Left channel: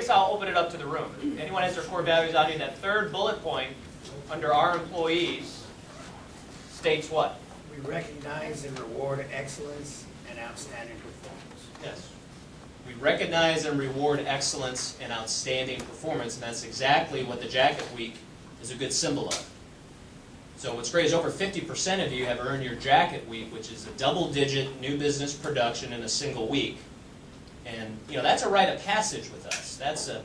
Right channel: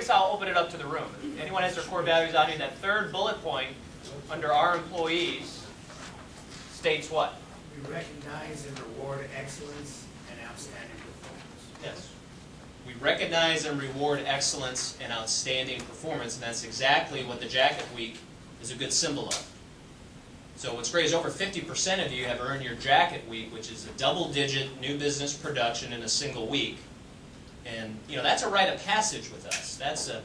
guess I'll open it up to the room. If anyone has their core values on here, that third bullet point under our employees states what? We recognize and reward excellence and outstanding performance. Yes. We recognize and reward excellence and outstanding performance, and that's exactly what the Jacket Week is a good symbol of. So what's great is over 50% of you have earned your Jacket Week, which is a double-digit new business production in a single week. And you know, that's a rite of passage with us. That's a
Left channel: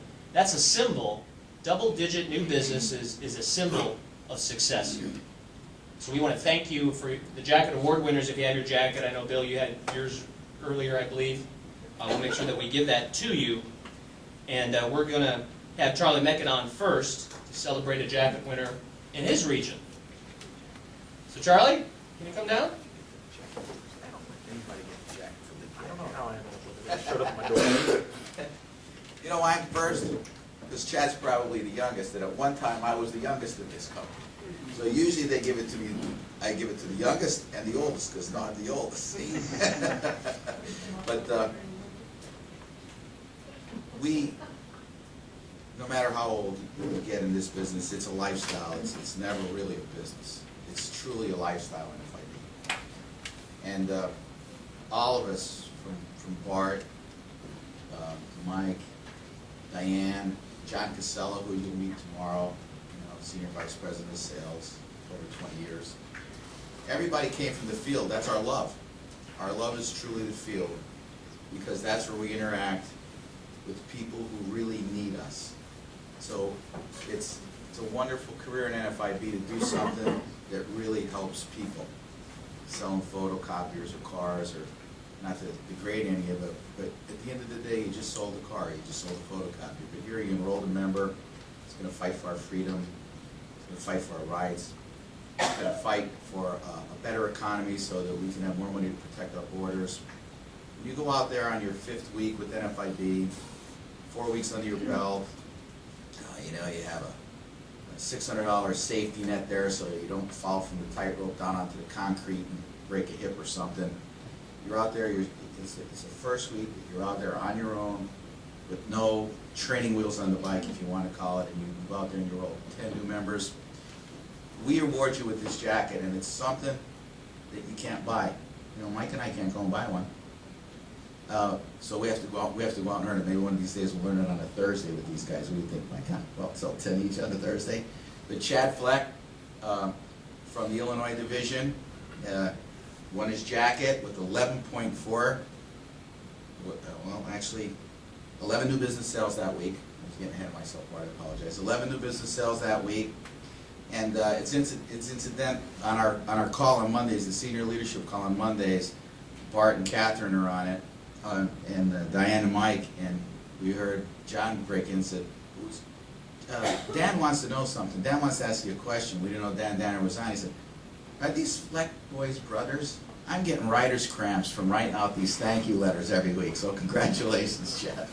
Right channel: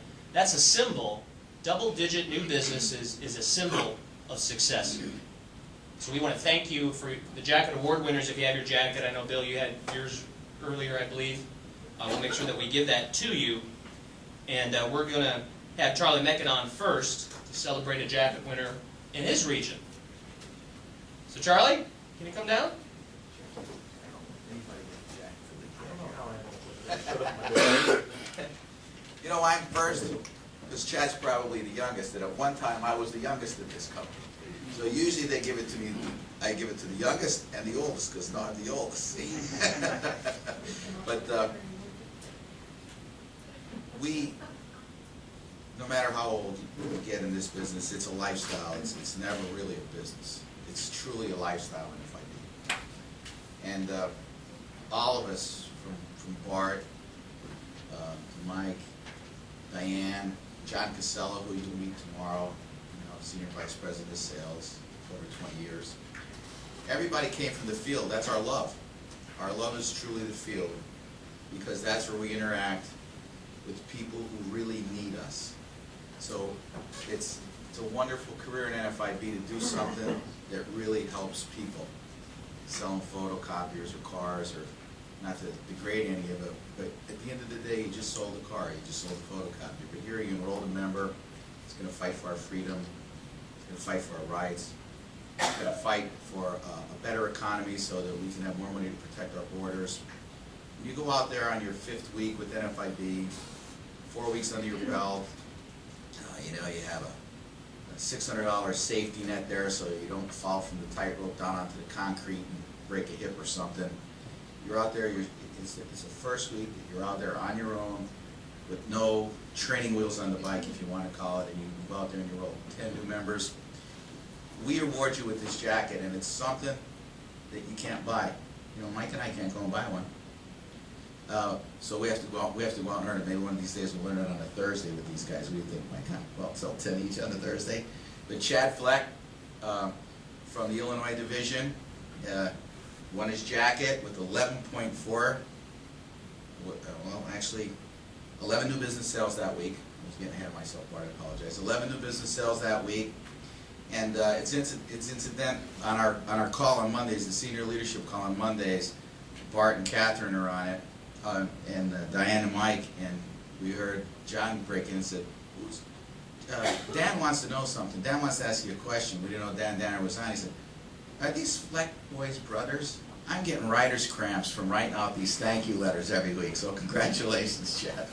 symbol. Double-digit new business is a symbol of success here. So we want to thank you for the Jacket Award winners. If you have your jacket, I know Bill, you had yours earlier, I believe. We'll make sure that we give that to you. And we're going to have Charlie Meccan on first to celebrate a jacket winner in his region. So Charlie, can you come down? You know, I'm first because Chad's probably the youngest, and at one time I was the youngest in this company. So usually they give it to me, I give it to the youngest and the oldest, because now I'm the oldest, see? But no matter how old you get in this business, it's a lifestyle. It's never really a business. It's truly a lifestyle in FIB. And all of us, from Bart, Mike, Diane, John Casella, who you'll meet tomorrow, Senior Vice President of Sales, over 20 years. Everybody came from the field. That's our love. Our love is truly the field, because that's where we interact with people who really need us. So it's a wonderful career in NFIB to do something that really helps people. Selling photocopiers or cars, or not to degrade any of it, but at the end of the day, you just sold a car, you just sold a photocopier. But here you enrolled a member, it's going to fight for our freedom, it's going to fight for our rights, it's going to fight for a better economy so that we can have more money to protect our borders. You go out there on your 5th week with NFIB, 4 weeks under your belt, you have a $600 safety net there so that you don't fall from the tightrope down onto the concrete and break a hip or something. You're out there, it's the first week that you're out there on your own with no training wheels on the bike, if you want to call it, and you go out there and you roll 10 new members. We reward you with this jacket, and it's something that you can't buy. Mike and I can't go and buy one. So we have to go out and earn it. Maybe one of these days we'll learn it on a Thursday with these guys. What do you think, Mike? Well, sell 10 each on a Thursday. But Chad Fleck from the Illinois division won his jacket with 11.4. Well, actually, 11 new business sales that week. I was getting ahead of myself, Bart, I apologize. 11 new business sales that week. And it's incident on our call on Mondays, the senior leadership call on Mondays. Bart and Catherine are on it, and Diane and Mike, and we heard John break in and said, Dan wants to know something. Dan wants to ask you a question. We didn't know Dan Danner was on. He said, are these Fleck boys brothers? I'm getting writer's cramps from writing out these thank you letters every week, so congratulations, Chad.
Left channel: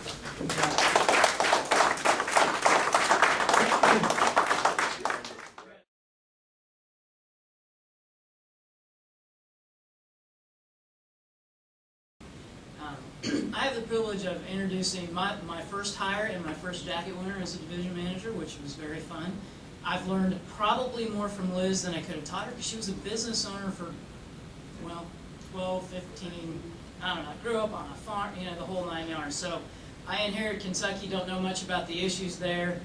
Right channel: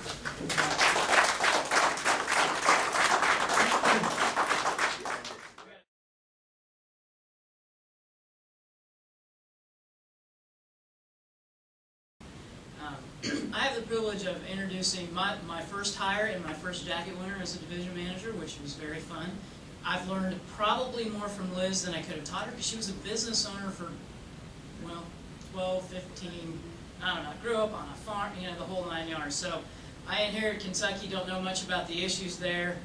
I have the privilege of introducing my first hire and my first jacket winner as a division manager, which was very fun. I've learned probably more from Liz than I could have taught her, because she was a business owner for, well, 12, 15, I don't know, grew up on a farm, the whole 9 yards. So I inherit Kentucky, don't know much about the issues there,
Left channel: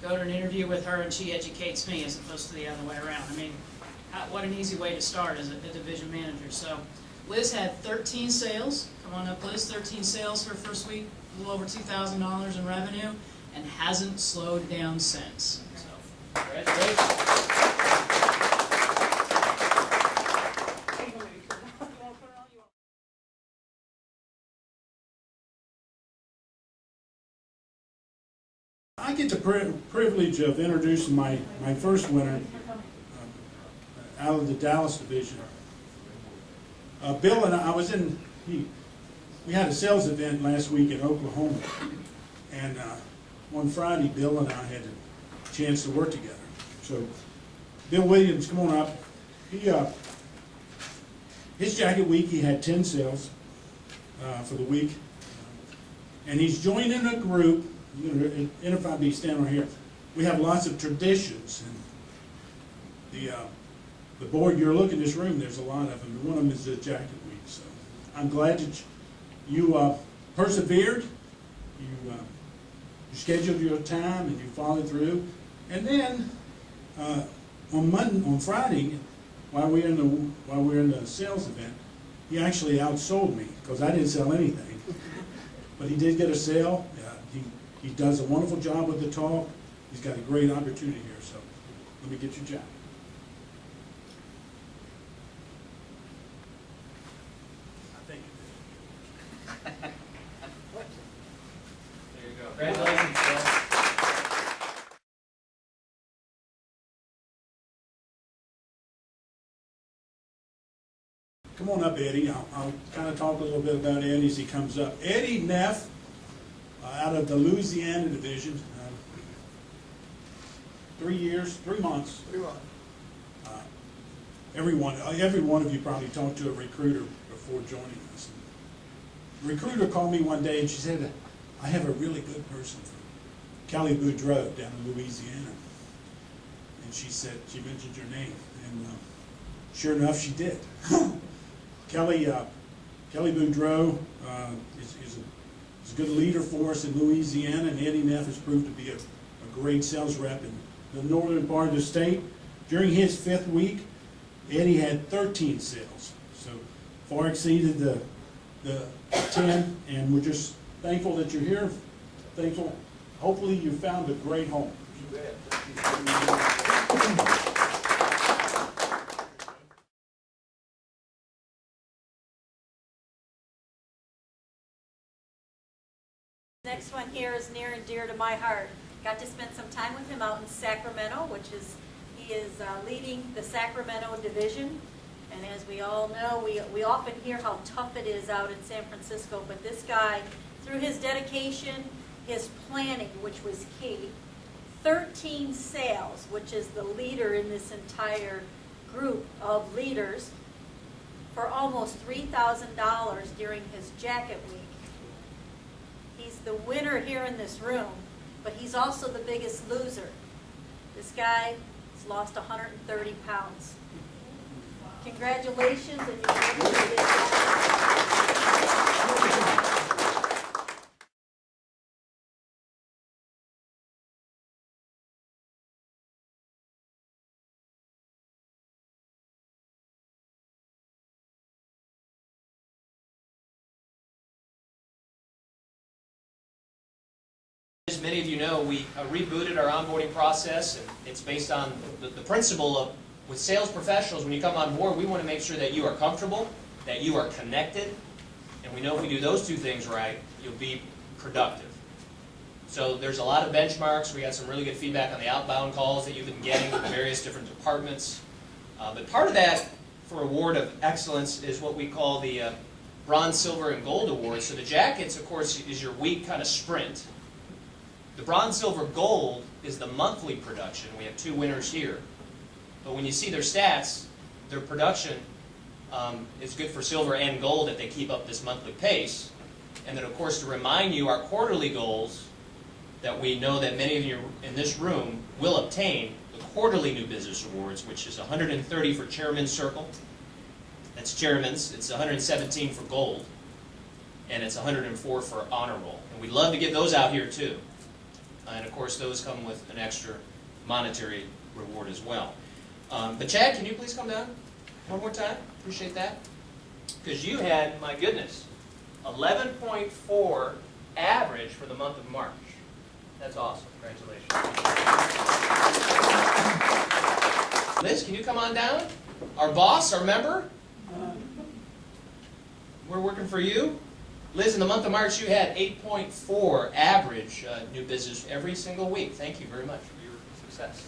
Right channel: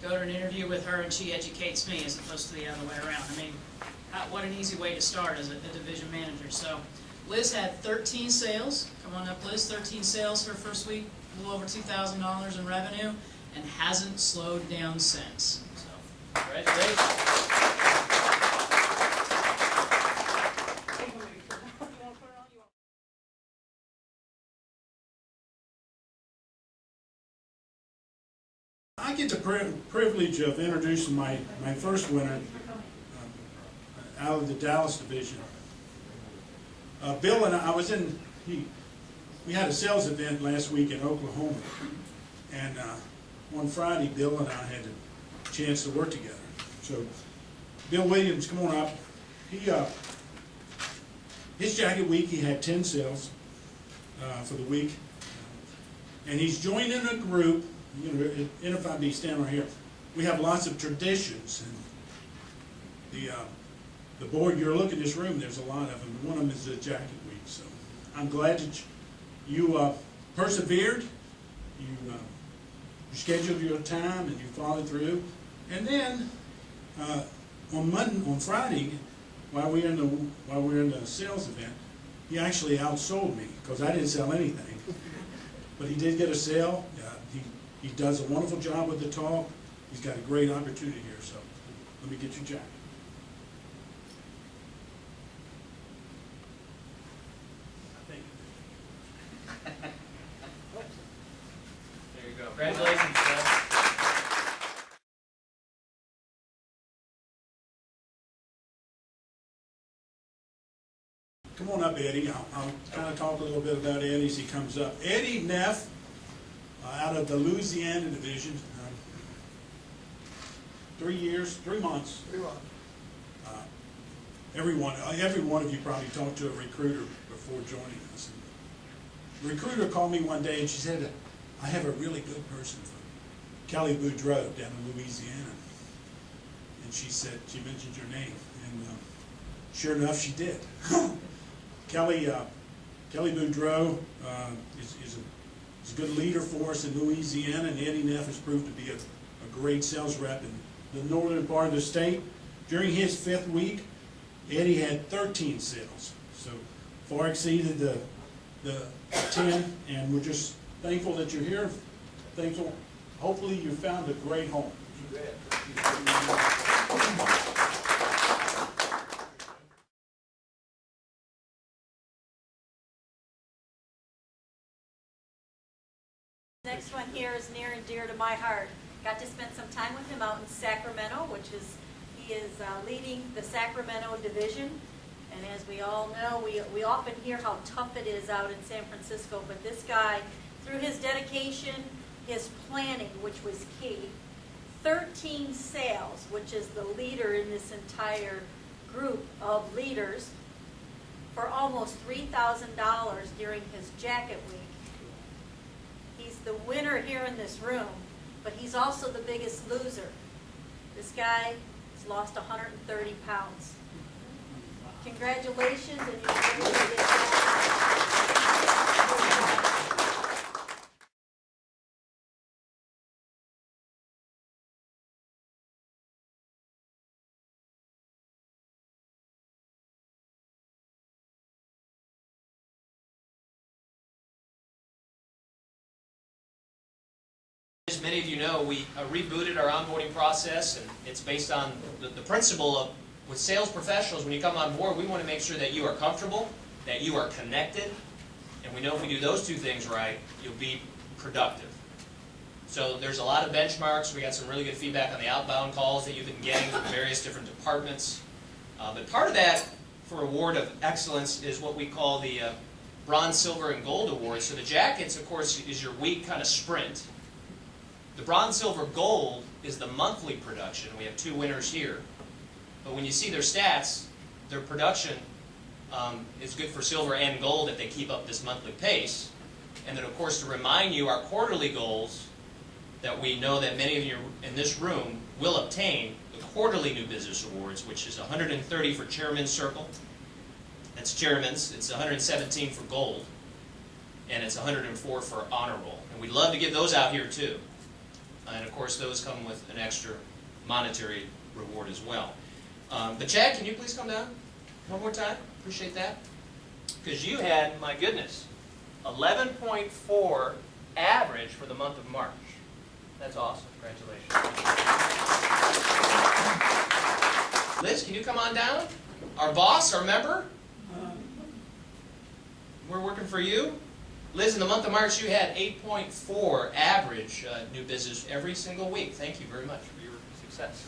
go to an interview with her and she educates me as opposed to the other way around. I mean, what an easy way to start as a division manager. So Liz had 13 sales. Come on up, Liz. 13 sales her first week, a little over $2,000 in revenue, and hasn't slowed down since. So, congratulations. I get the privilege of introducing my first winner out of the Dallas division. Bill and I was we had a sales event last week in Oklahoma, and on Friday, Bill and I had a chance to work together. So, Bill Williams, come on up. His jacket week, he had 10 sales for the week, and he's joining a group you know, NFIB standing right here, we have lots of traditions, and the board, you're looking at this room, there's a lot of them, and one of them is the Jacket Week. So I'm glad that you persevered, you scheduled your time, and you followed through. And then on Friday, while we were in the sales event, he actually outsold me because I didn't sell anything. But he did get a sale. He does a wonderful job with the talk. He's got a great opportunity here. So let me get you Jack. There you go. Congratulations, Phil. Come on up, Eddie. I'll kind of talk a little bit about Eddie as he comes up. Eddie Neff, out of the Louisiana division, 3 months. Every one of you probably talked to a recruiter before joining us. The recruiter called me one day and she said, I have a really good person from Kelly Boudreaux down in Louisiana. And she mentioned your name. And sure enough, she did. Kelly Boudreaux is a good leader for us in Louisiana, and Eddie Neff has proved to be a great sales rep in the northern part of the state. During his 5th week, Eddie had 13 sales, so far exceeded the 10, and we're just thankful that you're here. Thankful. Hopefully you found a great home. You bet. Next one here is near and dear to my heart. Got to spend some time with him out in Sacramento, he is leading the Sacramento division. And as we all know, we often hear how tough it is out in San Francisco, but this guy, through his dedication, his planning, which was key, 13 sales, which is the leader in this entire group of leaders, for almost $3,000 during his Jacket Week. He's the winner here in this room, but he's also the biggest loser. This guy has lost 130 pounds. Congratulations, and you're able to get As many of you know, we rebooted our onboarding process, and it's based on the principle of, with sales professionals, when you come on board, we want to make sure that you are comfortable, that you are connected, and we know if we do those 2 things right, you'll be productive. So there's a lot of benchmarks. We got some really good feedback on the outbound calls that you've been getting from various different departments. But part of that for award of excellence is what we call the Bronze, Silver, and Gold Awards. So the Jackets, of course, is your week kind of sprint. The Bronze, Silver, Gold is the monthly production. We have 2 winners here. But when you see their stats, their production is good for silver and gold if they keep up this monthly pace. And then, of course, to remind you, our quarterly goals that we know that many of you in this room will obtain, the quarterly new business awards, which is 130 for Chairman's Circle. That's Chairman's. It's 117 for gold. And it's 104 for honor roll. And we'd love to give those out here, too. And, of course, those come with an extra monetary reward as well. But Chad, can you please come down one more time? Appreciate that. Because you had, my goodness, 11.4 average for the month of March. That's awesome. Congratulations. Liz, can you come on down? Our boss, our member? We're working for you. Liz, in the month of March, you had 8.4 average new business every single week. Thank you very much for your success.